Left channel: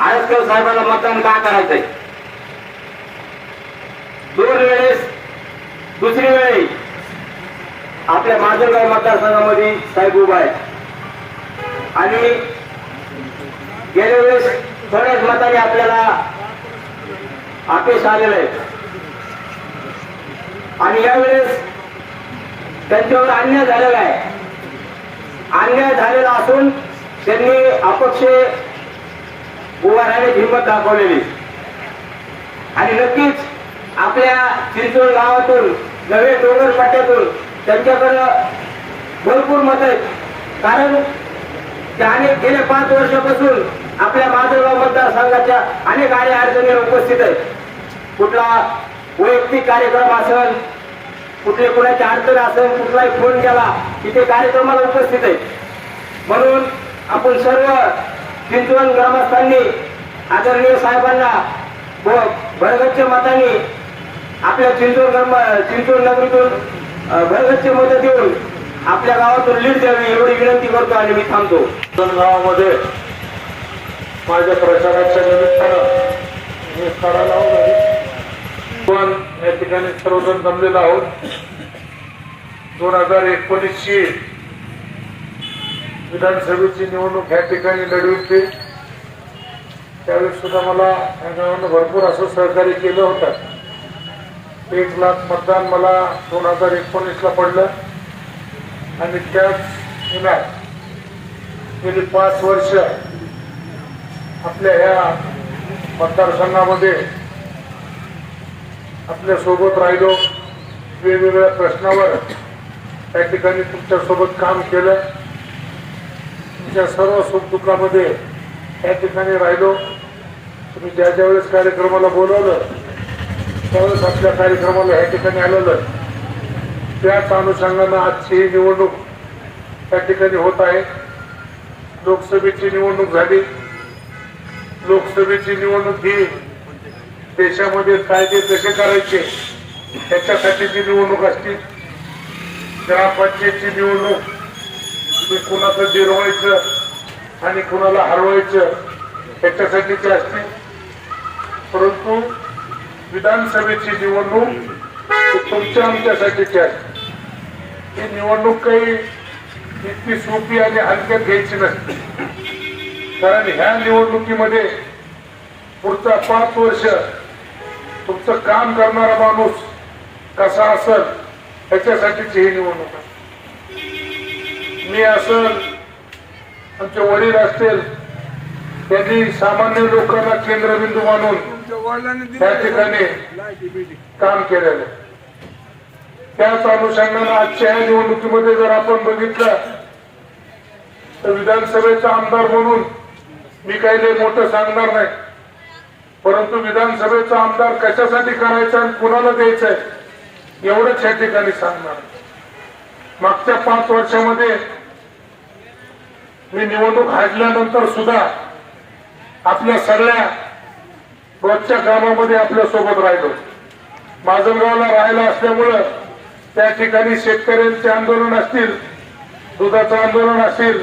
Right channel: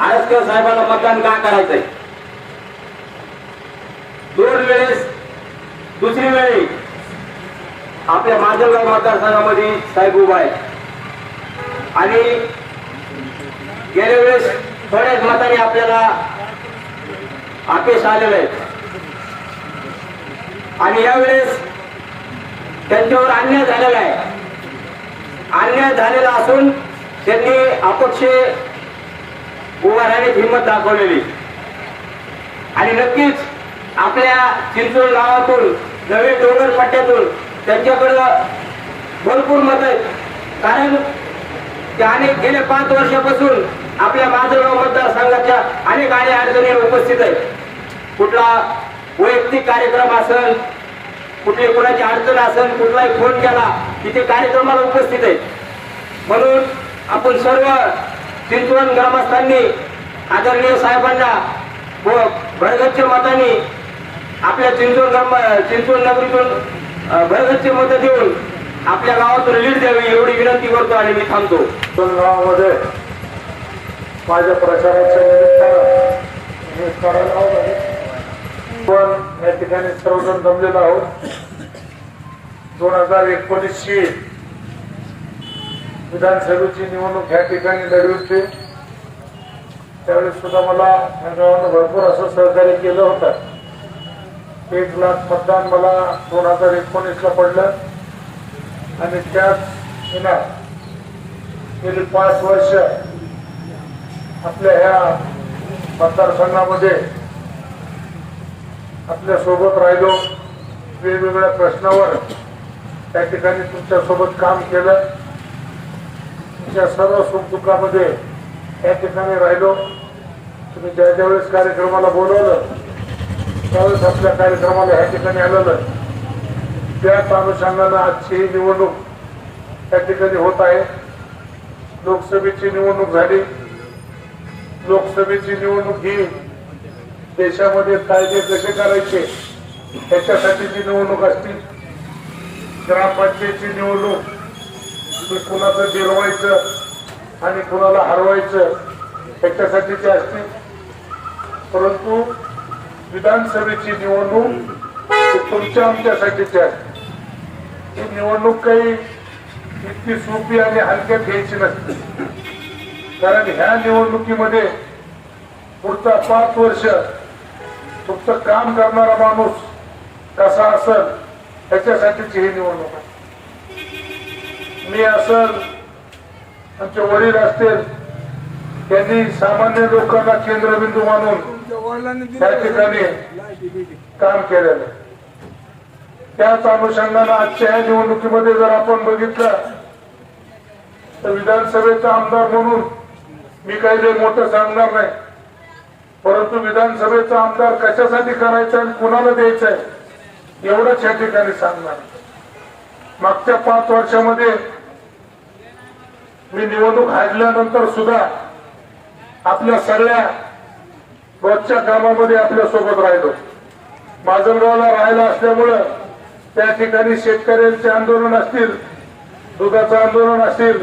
आळसकर साहेबांना मतदान का करायचंय? दोन वेळेस दुसरी वेळी आपल्या माजलगाव मतदारसंघामध्ये साहेब उभा आहे आणि गेल्या वेळेस थोड्याच मताने आपल्याला अपयश आलेलं आहे आणि यावेळेस त्यांच्यावर अन्याय झालेला आहे. अन्याय झालेला असून त्यांनी अपक्ष उभा हिंमत दाखवलेली. आणि नक्कीच आपल्या चिंचवड गावातून नवे डोंगर पट्ट्यातून त्यांच्याकडं भरपूर मत आहेत. कारण ते अनेक गेल्या पाच वर्षापासून आपल्या माजलगाव मतदारसंघाच्या अनेक आणि अडचणी उपस्थित आहेत. कुठला वैयक्तिक कार्यक्रम असेल कुठले कुणाची अडचण असेल कुठलाही फोन केला की ते कार्यक्रमाला उपस्थित आहेत. म्हणून आपण सर्व चिंचवण ग्रामस्थांनी आदरणीय साहेबांना व भरगच्च मतांनी आपल्या चिंचवण ग्राम चिंचवण नगरीतून भरगच्च मत देऊन आपल्या गावातून लीड द्यावी एवढी विनंती करतो आणि मी थांबतो. गावामध्ये माझ्या प्रचाराच्या निमित्तानं मी आहोत पण या ठिकाणी सर्वजण जमलेलो आहोत. दोन हजार एकोणीसची विधानसभेची निवडणूक या ठिकाणी लढविली त्यावेळेस सुद्धा मला गावानं भरपूर असं सहकार्य केलं होतं. एक लाख मतदान मला दोन हजार एकोणीसला पडलं. आणि त्याच पुन्हा गेली पाच वर्ष आपल्या ह्या मतदारसंघामध्ये आपल्यासोबत राहिलो. वेगवेगळ्या प्रश्नावर त्या ठिकाणी तुमच्यासोबत काम केलं. तुमच्या सर्व सुखदुःखामध्ये या ठिकाणी राहिलो. तुम्ही ज्या ज्या वेळेस कार्यक्रमाला बोलवलं त्यावेळेस आपल्या कार्यक्रमाला ह्या ठिकाणी आलेलं. त्याच अनुषंगानं आजची ही निवडणूक त्या ठिकाणी होत आहे. लोकसभेची निवडणूक झाली. लोकसभेची निवडणूक ही देशामध्ये कायदे कसे करायचे त्याच्यासाठीची निवडणूक असतील ग्रामपंचायतची निवडणूक तुम्ही कुणाचं जिरवायचं आणि कुणाला हरवायचं त्याच्यासाठीची असते. परंतु विधानसभेची निवडणूक तुमच्या आमच्यासाठीची असते. ही निवडणूक काही इतकी सोपी आणि हलक्यात घ्यायची नसते. कारण ह्या निवडणुकीमध्ये पुढचा पाच वर्ष तुमचं काम करणारा माणूस कसा असेल याच्यासाठीची ही निवडणूक आहे. मी असल आमचे वडील असतील त्यांनी सामान्य लोकांना केंद्रबिंदू मानून त्या ठिकाणी काम केलेलं. त्याच अनुषंगानं आजच्या या निवडणुकीमध्ये जर आपण बघितलं तर विधानसभेचा आमदार म्हणून मी काही लय मोठं सांगणार नाही. परंतु विधानसभेचा आमदार कशासाठी करायचा आणि कुणाला द्यायचा एवढंच या ठिकाणी सांगणार. मागच्या पाच वर्षामध्ये मी निवडणूक हारल्यानंतर सुद्धा आपल्या सगळ्या रोजच्या कामामध्ये आपल्यासोबत राहिलो. माजलगावला राहायला असल्यामुळं त्या ठिकाणी शेतकऱ्यांचे आंदोलन असतील दुधाचं आंदोलन असतील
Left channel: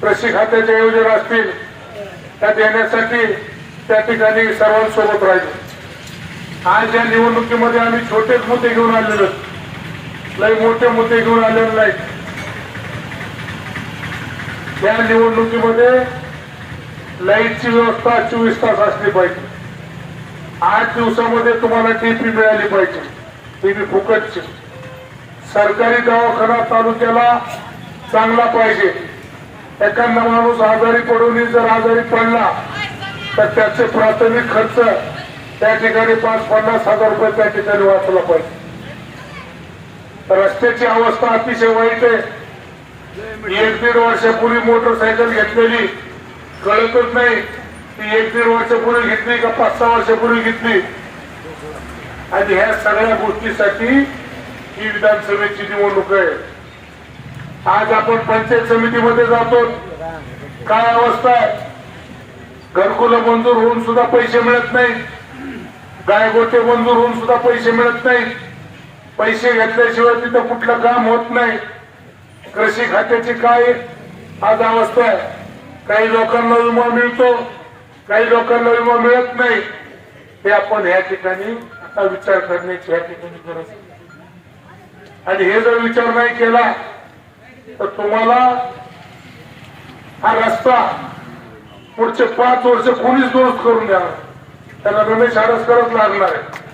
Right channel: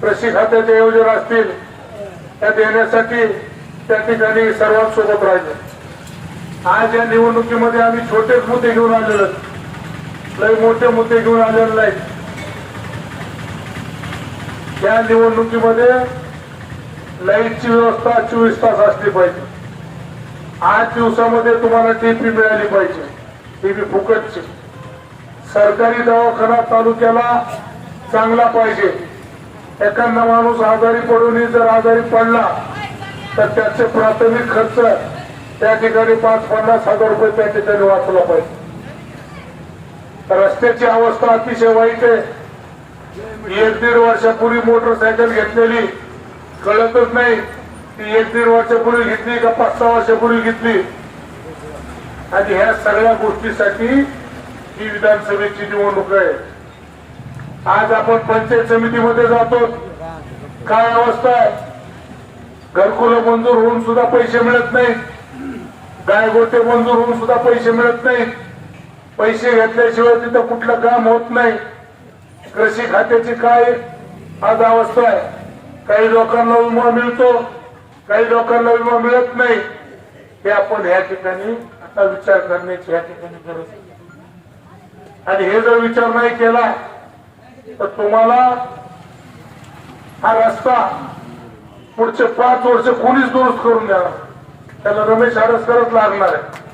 कृषी खात्याच्या योजना असतील त्या देण्यासाठी त्या ठिकाणी सर्वांसोबत राहिलो. आज या निवडणुकीमध्ये आम्ही छोटेच मुद्दे घेऊन आलेलो लय मोठे मुद्दे घेऊन आलेले नाहीत. या निवडणुकीमध्ये लाईटची व्यवस्था चोवीस तास असली पाहिजे. आठ दिवसामध्ये तुम्हाला टीपी मिळाली पाहिजे. टीपी फुकटची. सरकारी दवाखाना तालुक्याला चांगला पाहिजे. एखादा माणूस आजारी पडून जर आजारी पडला तर त्याचे प्राथमिक खर्च त्या ठिकाणी पाच पन्नास हजार रुपये त्या ठिकाणी वाचला पाहिजे. रस्त्याची अवस्था अतिशय वाईट आहे. एक दीड वर्षापूर्वी मोटरसायकल घेतलेली. कळतच नाही ती एक दीड वर्षापूर्वी घेतली का पाच सहा वर्षापूर्वी घेतली. आणि ह्या सगळ्या गोष्टीसाठी ही विधानसभेची निवडणूक आहे. आज आपण पंचायत समितीमध्ये जातो. काय अवस्था आहे? घरकुल मंजूर होऊन सुद्धा पैसे मिळत नाही. गायगोटे मंजूर होऊन सुद्धा पैसे मिळत नाही. पैसे घेतल्याशिवाय तिथं कुठलं काम होत नाही. कृषी खात्याची काय आज अवस्था आहे? काही लोकांना विमा मिळतो काही लोकांना विमा मिळत नाही. हे आपण या ठिकाणी आता विचार करण्याची या ठिकाणी गरज आहे. आणि हे जर विचार नाही केला तर तुम्हाला हा रस्ता पुढचे पाच वर्ष कोणीच दुरुस्त करून द्यावा त्याला रमेश आरस करत लागणार आहे.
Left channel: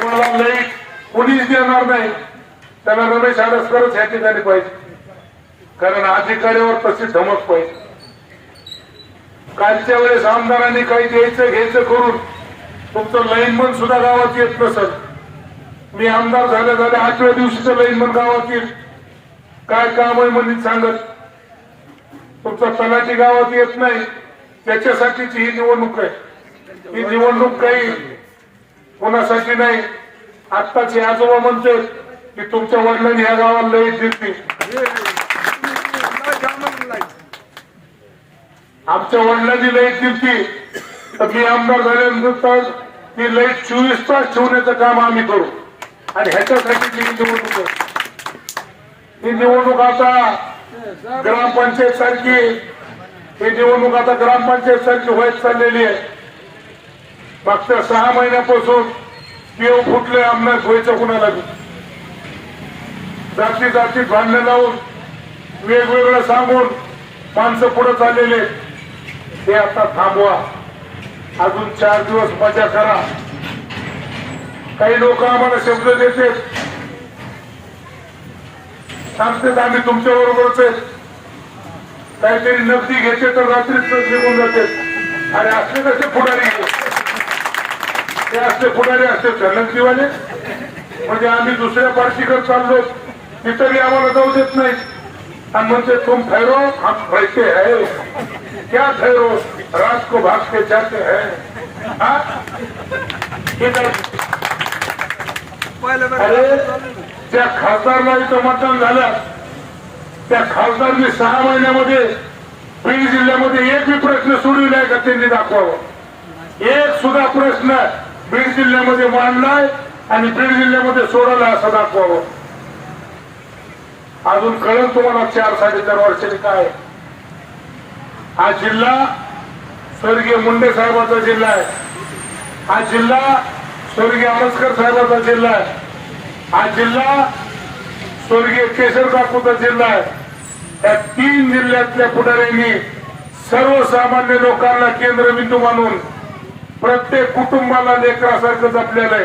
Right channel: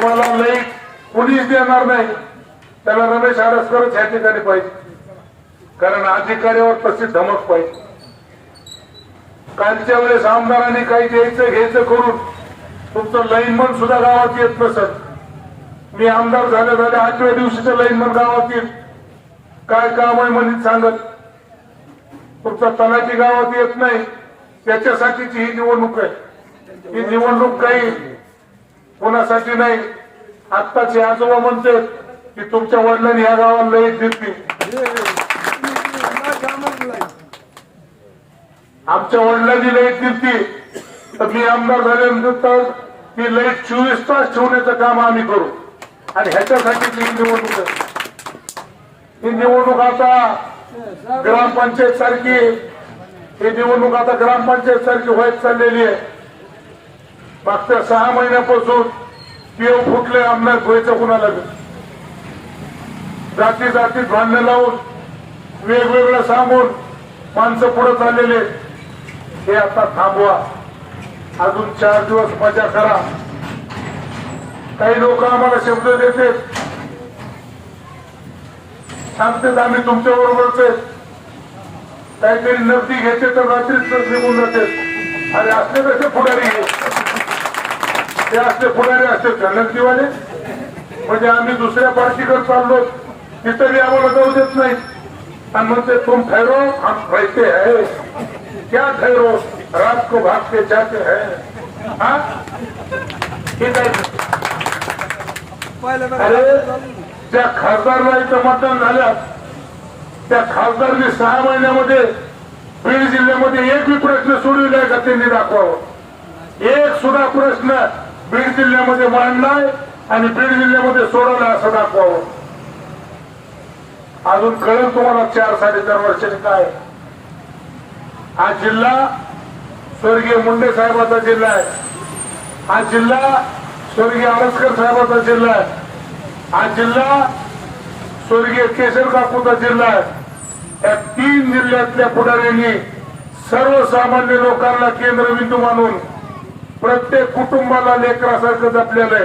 कोणाला लई कोणीच देणार नाही. त्याला रमेश करत या ठिकाणी पाहिजे. कारण अधिकाऱ्यावर तशी धमक पाहिजे. कालच्या वेळेस आमदारांनी काही द्यायचं घ्यायचं करून तुमचं लईनमन सुद्धा गावात येत नसत मी आमदार झाल्या झाल्या आठव्या दिवशीचं लईनमन गावात येईल. काय काम आहे म्हणून सांगत. तुमचा तलाठी गावात येत नाही. त्याच्यासाठीची ही निवडणूक आहे. ही निवडणूक काही कोणासाठी नाही. आत्ताचे आजोबा म्हणते की तुमच्या वडिलांनी ह्या गावाला लईट दिली. आमच्या वडिलांनी लाइट दिली. तर मी आमदार झाल्यानंतर ती लाइट चोवीस तास ठेवण्याचं काम आम्ही करू. आणि ह्याच्यासाठी ती निवडणूक ही निवडणूक आता ग्रामपंचायत सारखी ही निवडणूक आता ग्रामपंचायत सारखी व्हायच चाललेली आहे. मागच्या सहा महिन्यापासून पिओ फुटले अंमलात व्हायचं कुणाला बी. जाती जातीत भांडणं लावून वेगवेगळं सांगून माणसं पुढे चाललेले हे आता थांबवा. अजून चार दिवस मजा करा. काही लोक आम्हाला शब्द देते सांगतेच आम्ही तुमच्या बरोबरच आहे काहीतरी नगदी घ्यायचे तर रात्रीच निघून जाते आणि असले कसे पुढारी ते असले पुढारी असते नगदीवाले म्हणजे आम्ही दुसऱ्या पार्टीकडे चाललो. तिथं आम्हाला जाऊ देत नाही. आणि म्हणते तुम ठहरो हम बैठे है. क्या ठहरो रात को भाग के जाते हैं. हा? आहे. अरे ज्या खासदारला इथं मतदान झालं त्या खासदारने सहा महिन्यामध्ये बीड जिल्ह्यामध्ये एक बी प्रश्न सोडविलाय का त्यांनी दाखवावं? एक सुद्धा प्रश्न बीड जिल्ह्यामध्ये मांडलाय आणि बीड जिल्ह्यामध्ये सोडवलाय असं दाखवावं. अजून कळेल तुम्हाला चार साडेचार वर्षांनी काय? हा जिल्हा स्वर्गीय मुंडे साहेबाचा जिल्हा आहे. हा जिल्हा स्वर्गीय आळसकर साहेबाचा जिल्हा आहे. हा जिल्हा स्वर्गीय केशर बापूचा जिल्हा आहे. या तीन जिल्ह्यातल्या पुढाऱ्यांनी सर्वसामान्य लोकांना केंद्रबिंदू मानून प्रत्येक कुटुंबाला लेकरासारखं जपलेलं आहे.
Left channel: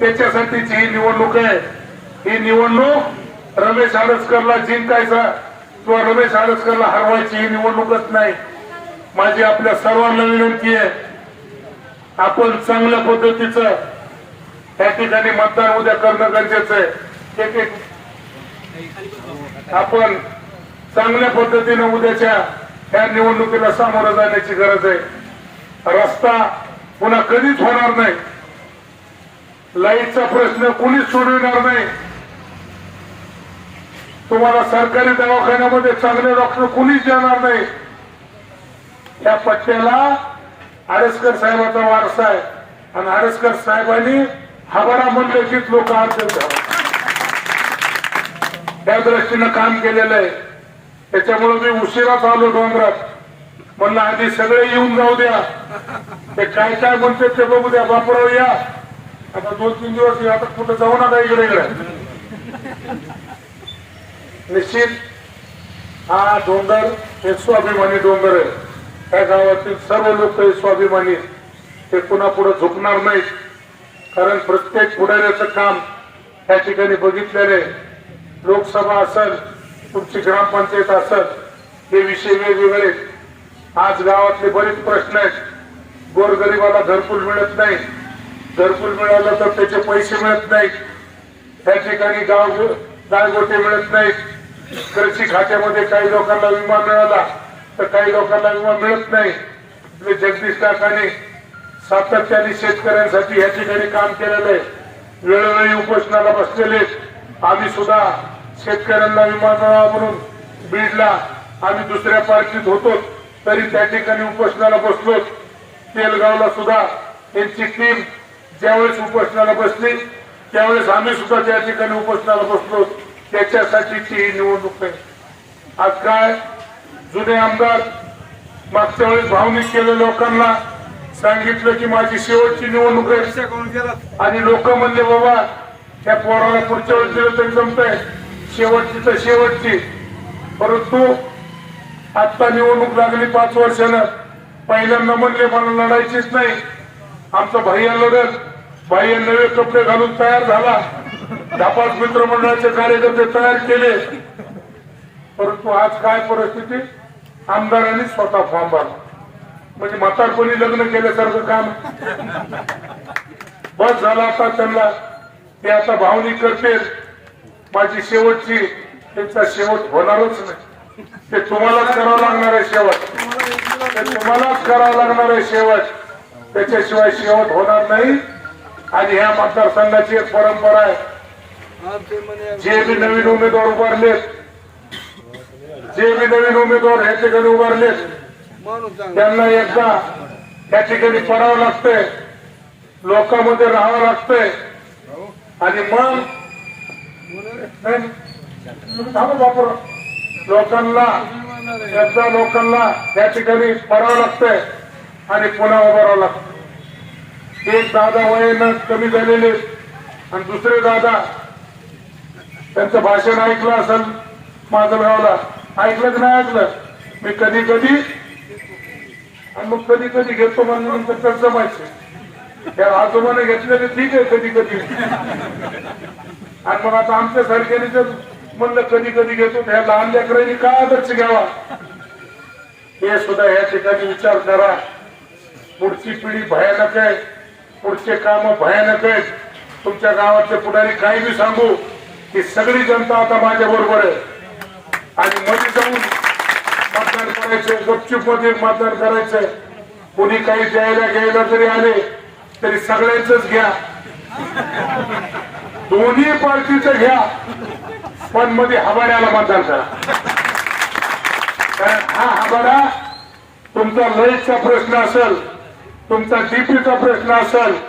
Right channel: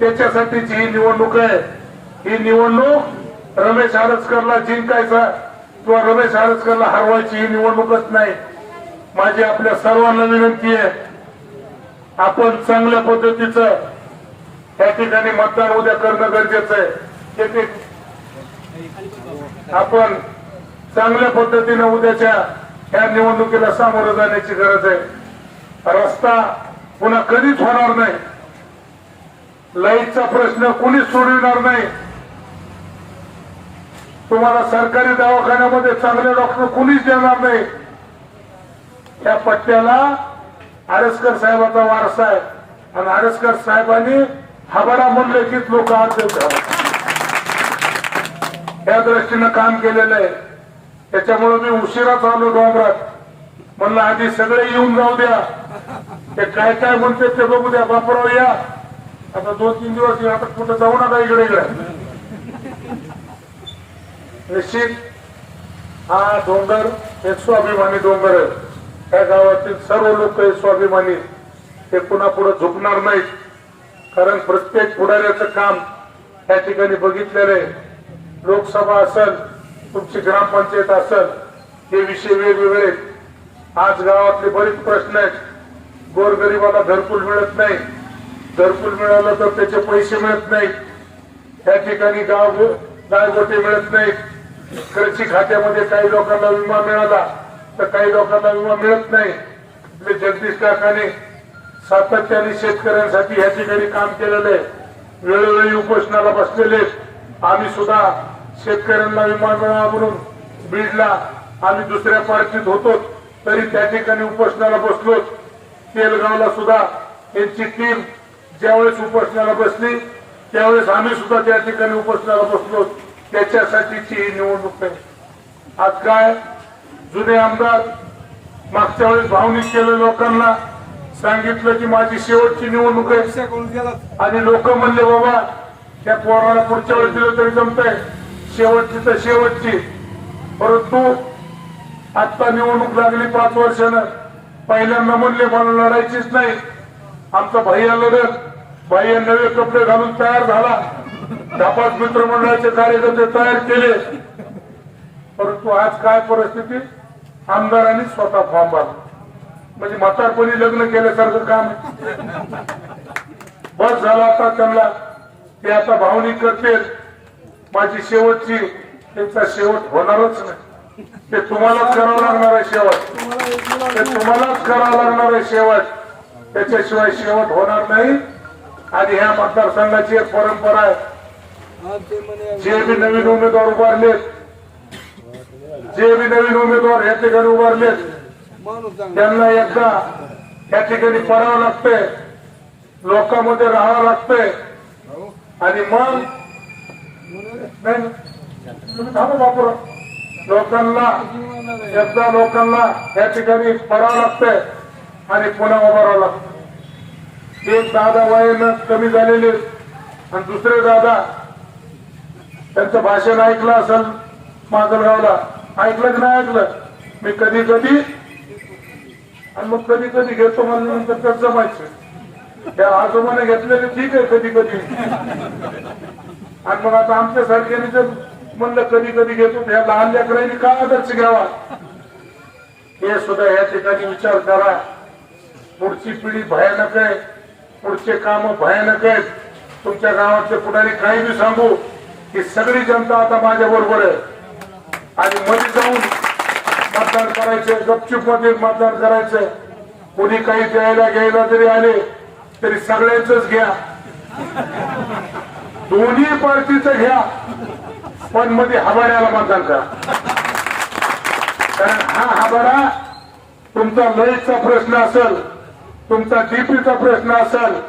त्याच्यासाठीची ही निवडणूक आहे ही निवडणूक रमेश आरसकरला जिंकायचा किंवा रमेश आरसकरला हरवायची ही निवडणूकच नाही. माझी आपल्या सर्वांना विनंती आहे आपण चांगल्या पद्धतीचं या ठिकाणी मतदान उद्या करणं गरजेचं आहे. एक एक आपण चांगल्या पद्धतीनं उद्याच्या या निवडणुकीला सामोरं जाण्याची गरज आहे. रस्ता पुन्हा कधीच होणार नाही. लाईटचा प्रश्न कुणीच सोडविणार नाही. तुम्हाला सरकारी दवाखान्यामध्ये चांगले डॉक्टर कुणीच देणार नाही. त्या पट्ट्याला आडसकर साहेबाचा वारसा आहे. आणि आडसकर साहेबांनी हवाला म्हणलं की लोक आज या दृष्टीनं काम केलेलं आहे. त्याच्यामुळे मी उशिराच आलो डोंगरात. म्हणलं आधी सगळे येऊन जाऊ द्या. ते काय काय म्हणते ते बघू द्या बापराव या. आता दोन तीन दिवस या, आता कुठं जाऊ नका इकडे इकडे. निश्चित हा डोंगर एक स्वाभिमानी डोंगर आहे. त्या गावातील सर्व लोक हे स्वाभिमानी ते पुन्हा पुढे झुकणार नाहीत. कारण प्रत्येक पुढाऱ्याचं काम त्या ठिकाणी बघितलेलं आहे. लोकसभा असेल तुमची ग्रामपंचायत असेल हे विषय वेगवेगळे आहेत. आज गावातले बरेच प्रश्न आहेत. गोरगरीबाला घरकुल मिळत नाही. घरकुल मिळालं तर त्याचे पैसे मिळत नाहीत. त्या ठिकाणी गाव गायगोटे मिळत नाहीत. कृषी खात्यामध्ये काही लोकांना विमा मिळाला तर काही लोकांना विमा मिळत नाही. आपले जगदीश काकाने सातत्याने शेतकऱ्यांसाठी या ठिकाणी काम केलेलं आहे. वेळोवेळी उपोषणाला बसलेले आम्ही सुद्धा शेतकऱ्यांना विमा मिळावा म्हणून बीडला आम्ही दुसऱ्या पार्टीत होतो तरी त्या ठिकाणी उपोषणाला बसलो तेलगावला सुद्धा त्यांची टीम ज्यावेळेस उपोषणाला बसली त्यावेळेस आम्ही सुद्धा त्या ठिकाणी उपोषणाला बसलो त्याच्यासाठीची ही निवडणूक आहे. आज काय? जुने आमदार मागच्या वेळेस भावनिक केलं लोकांना. सांगितलं की माझी शेवटची निवडणूक आहे. आणि लोक म्हणले बाबा त्या पोराला पुढच्या वेळेस दिलं तरी जमतंय. शेवटची तर शेवटची. परंतु आता निवडणूक लागली पाच वर्षानं. पहिल्यांदा म्हणले मला लढायचीच नाही. आमचा भैया लढत भैया नवे कपडे घालून तयार झाला. धापास मित्रमंडळाचे कार्यकर्ते तयार केले. परंतु आज काय परिस्थिती? आमदारांनी स्वतः फॉर्म भरला. म्हणजे म्हातारपणी लग्न केल्यासारखं काम. बस झाला आता त्यांना. ते आता भावनी करते माझी शेवटची त्यांचा शेवट होणारच नाही. ते तुम्हालाच करावं लागणार आहे शेवट. ते तुम्हालाच करावं लागणार आहे शेवट. त्याच्याशिवाय शेवट होणार नाही. आणि ह्या मतदारसंघाची एक परंपरा आहे. जे बी नवीन उमेदवार उभारलेत जे बी नवीन उमेदवार ह्या ठिकाणी उभारलेत त्यांना एकदा त्या ठिकाणी पडावं लागतंय. लोकांमध्ये राहावं लागतंय. आणि मग नाही, लोकांना एकदा लोकांना या ठिकाणी पडावं लागतंय आणि पुन्हा उभारावं लागतं एक दादा वयानं कमी झालेले आणि दुसरे दादा त्यांचं भाषण ऐकलं असेल माजलगावला ऐकलं की नाही ऐकलं? मी कधी कधी आणि मग कधी कधी घेतो म्हणून नंतर तर जमायचं त्या आजोबाने घेतलेले ठीक आहे कधी कधी. आणि मग आता आमच्या सारख्याने जर म्हणलं कधी कधी घेतो त्या लहान लेकरांनी का आदर्श घ्यावा? हे सुद्धा या ठिकाणी विचार करा. पुढची पिढी भयानक आहे. पुढचे काम भयानक आहेत. तुमच्या गावातले पुढारी काही बी सांगू ही सगळी जनता आता माझ्या बरोबर आहे. आणि मध्ये जाऊन मतदान करायचं गपचूपमध्ये मतदान करायचं. कोणी काही द्यायला घ्यायला जरी आले तरी सगळ्यांच घ्या. दोन्ही पार्टीचं घ्या. पण मध्ये हबाऱ्याला मतदान करा कारण हा हबारा तुमचा लयचा प्रश्न असेल तुमचा डीपीचा प्रश्न असेल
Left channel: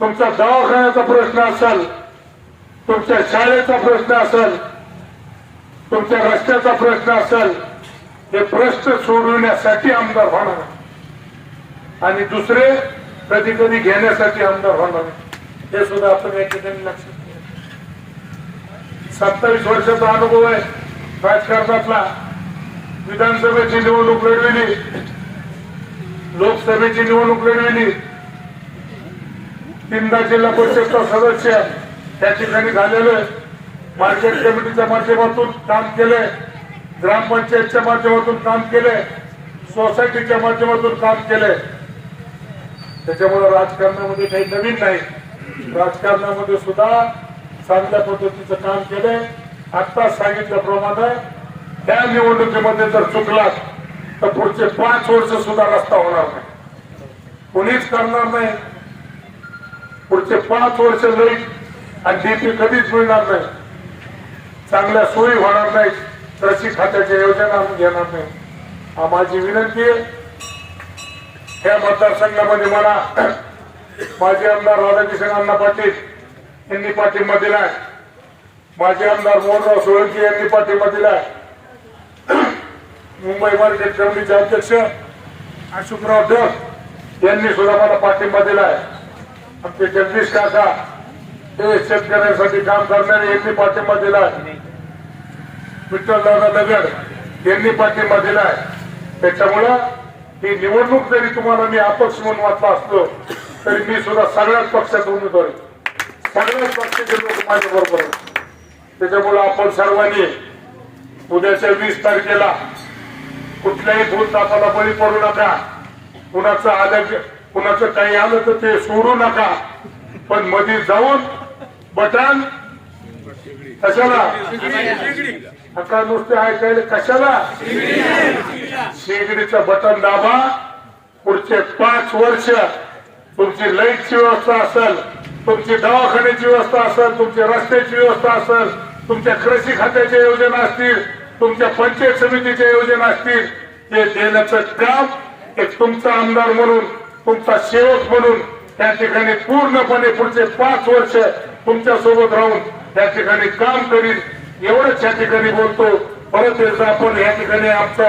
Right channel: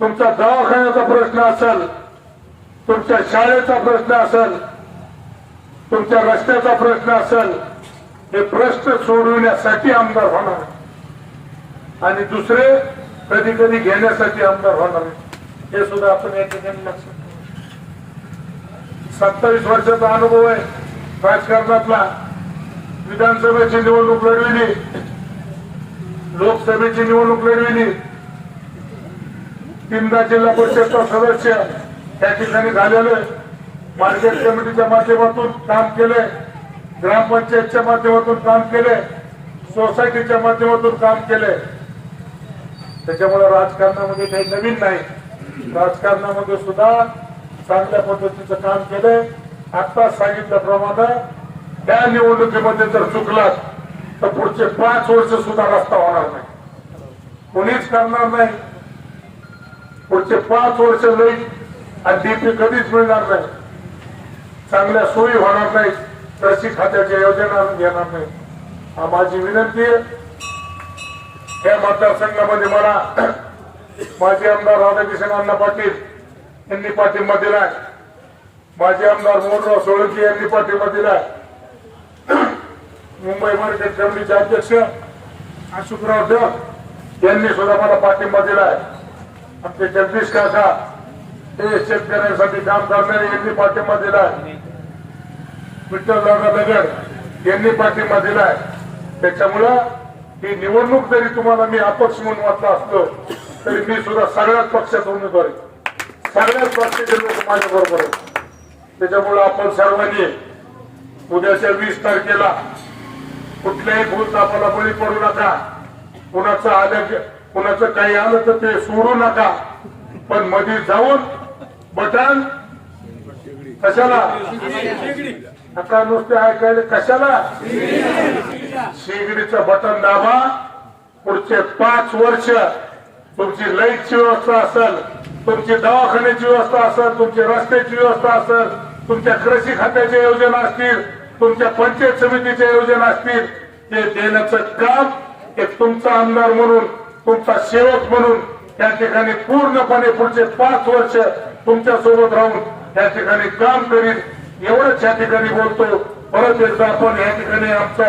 तुमचा दवाखान्याचा प्रश्न असेल तुमच्या शाळेचा प्रश्न असेल तुमच्या रस्त्याचा प्रश्न असेल हे प्रश्न सोडवण्यासाठी आमदार होणार. आणि दुसरे कधी कधी घेण्यासाठी आमदार होणार. हे सुद्धा आपण या ठिकाणी लक्षात सत्तावीस वर्षाचा अनुभव आहे. राजकारणातला विधानसभेची निवडणूक लढविली. लोकसभेची निवडणूक लढविली. तीनदा जिल्हा परिषदचा सदस्य त्या ठिकाणी झालेलं मार्केट कमिटीच्या माध्यमातून काम केले ग्रामपंचायतच्या माध्यमातून काम केले सोसायटीच्या माध्यमातून काम केले त्याच्यामुळे राजकारणामध्ये काही नवीन नाही. राजकारणामध्ये सुद्धा चांगल्या पद्धतीचं काम केलंय. आता सांगितल्याप्रमाणे त्या निवडणुकीमध्ये जर चुकलात तर पुढचे पाच वर्ष सुद्धा रस्ता होणार नाही. कोणीच करणार नाही. पुढचे पाच वर्ष लाइट आणि डीपी कधीच मिळणार नाही. चांगल्या सोयी होणार नाही कृषी खात्याच्या योजना घेणार नाही. हा माझी विनंती आहे. या मतदारसंघामध्ये मला माजी आमदार राधाकृष्ण अण्णा पाटील यांनी पाठिंबा दिलाय. माजी आमदार मोहनराव सोळंकी यांनी पाठिंबा दिलाय. मुंबई मार्केट कमिटीचे अध्यक्ष अशोकराव डग यांनी सुद्धा मला पाठिंबा दिलाय. आमचे जगदीश काका हे शेतकऱ्यांसाठी काम करणारे यांनी पाठिंबा दिलाय. विठ्ठलदादा दगड यांनी पाठिंबा दिलाय. त्याच्यामुळं ही निवडणूक जरी तुम्हाला मी अपक्ष म्हणून वाचला असलो तरी मी सुद्धा सगळ्याच पक्षात उमेदवारी सगळ्याच पक्षाचे लोक माझ्या बरोबर आहेत. त्याच्यामुळं आपण सर्वांनी उद्याच्या वीस तारखेला कुठल्याही भूत आपल्याला बळी पडू नका. कुणाचं आलं कुणाचं काही आलं तर ते सोडू नका. पण मध्ये जाऊन बटन कशाला? आता नुसते ऐकायला कशाला? शेगडीचं बटन दाबा. पुढचे पाच वर्ष तुमची लाईटची व्यवस्था असेल. तुमची दवाखान्याची व्यवस्था असेल तुमची रस्त्याची व्यवस्था असेल तुमच्या कृषी खात्याच्या योजना असतील तुमच्या पंचायत समितीच्या योजना असतील ते देण्याचं काम हे तुमचा आमदार म्हणून तुमचा सेवक म्हणून त्या ठिकाणी पूर्णपणे पुढचे पाच वर्ष तुमच्यासोबत राहून या ठिकाणी काम करीन. एवढंच या ठिकाणी बोलतो. परत एकदा आपण या ठिकाणी आमचा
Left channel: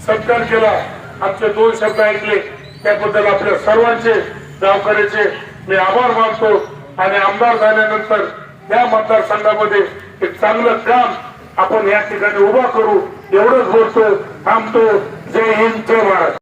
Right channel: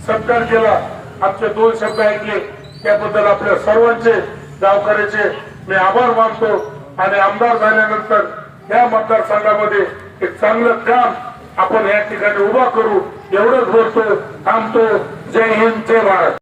सत्कार केला. आमचे दोन शब्द ऐकले. त्याबद्दल आपल्या सर्वांचे गावकऱ्याचे मी आभार मानतो आणि आमदार झाल्यानंतर या मतदारसंघामध्ये एक चांगलं काम आपण या ठिकाणी उभा करू एवढंच बोलतो थांबतो. जय हिंद जय भारत.